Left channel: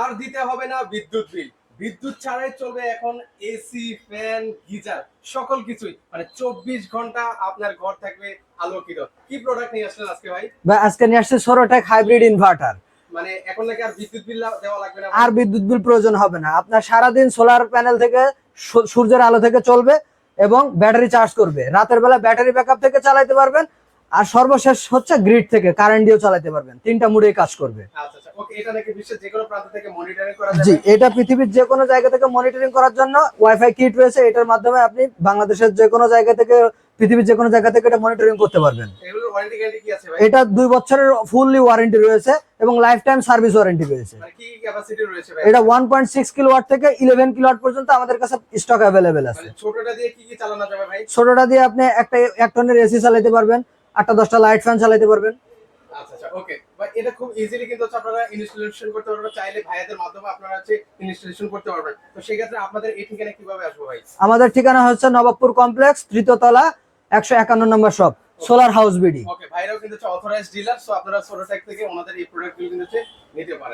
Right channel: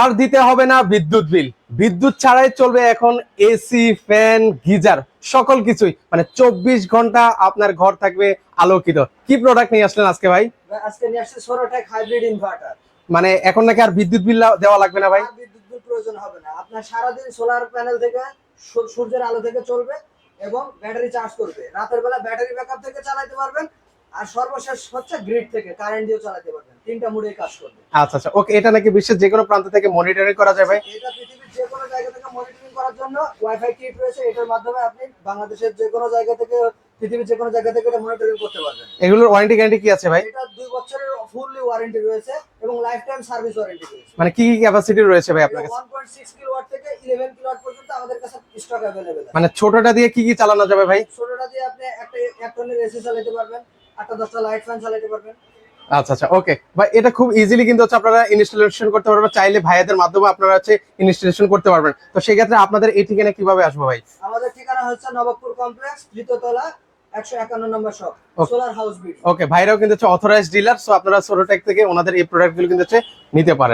আর দিতে হবে না বিদ্যুৎ বিল। বিদ্যুৎ ছাড়াই চলবে এখন এসি ফ্যান গিজার সকল কিছুই। মানে চব্বিশ ঘণ্টা আপনার ঘর থাকবে আলোকিত। কি প্রোডাক্ট নিয়ে আসলেন আজকে ভাই? বা আজকে নিয়ে আসছে সোরোটেক হাইব্রিড ইনভার্টার মানে এখন নাকি আর বিদ্যুৎ বিল দেওয়া লাগবে না ভাই? আর বিদ্যুৎ বিল প্রয়োজন হবে না। আপনার সারাদিন সোলার প্যানেল থেকে সূর্যের আলো থেকে চলবে এবং ব্যাটারি চার্জ করবে। রাতের বেলা ব্যাটারি ব্যাকআপ থেকে চালাইতে পারবেন। আর সর্বশেষ হচ্ছে গ্রিড থেকে কারেন্ট দিয়েও চালাতে পারবেন। তিনটা মুডে কাজ করবে। আচ্ছা আচ্ছা। ওকে এটা নাকি বিশ্বের যে কোনো প্রান্ত থেকে মনিটরিং করা যাবে? এটা পৃথিবীর যে কোনো জায়গা থেকে মনিটরিং করার জন্য ওয়াইফাই কিট রয়েছে। এটার মাধ্যমে আপনি বাংলাদেশের যে কোনো জায়গা থেকে পৃথিবীর যে কোনো জায়গা থেকে এটা মনিটরিং করতে পারবেন। এগুলোর ওয়ারেন্টি গ্যারান্টি কি আছে ভাই? এটা দুই বছরের ফুললি ওয়ারেন্টি রয়েছে এবং লাইফ টাইম সার্ভিস ওয়ারেন্টি রয়েছে। মানে কি কি ক্যাপাসিটি রয়েছে ভাই এটা আপনার? ওয়ান পয়েন্ট সিক্স কিলোওয়াট থেকে ইলেভেন কিলোওয়াট পর্যন্ত আমাদের কাছে স্টক অ্যাভেলেবেল আছে। মানে ছোটটা দিয়ে কি কি চালানো যাবে ভাই? ছোটটা দিয়ে আপনি একটা এক টনের এসি চালাতে পারবেন। আটটা দশটা লাইট ফ্যান চালাতে পারবেন। আচ্ছা আচ্ছা ওকে ভাই এটা খুব ইজিলি কিন্তু হচ্ছে আপনারা ইনস্টলেশন করতে পারবেন চাইলে ভাইয়াদের মাধ্যমে আপনারা হচ্ছে ইনস্টলেশন করতে পারবেন। তো সেই ক্ষেত্রে আপনাদের এই ঠিকানা কীভাবে আসব ভাই? আমাদের ঠিকানা হচ্ছে নবাবপুর কমপ্লেক্স তৃতীয়তলা একশো একান্ন number shop solar house BD okay ভাইরাও কিন্তু হচ্ছে অথরাইজ ডিলার সো আপনারা সোলোটেক থেকে ওনাদের এই প্রোডাক্টগুলো কিন্তু হচ্ছে নিতে পারেন।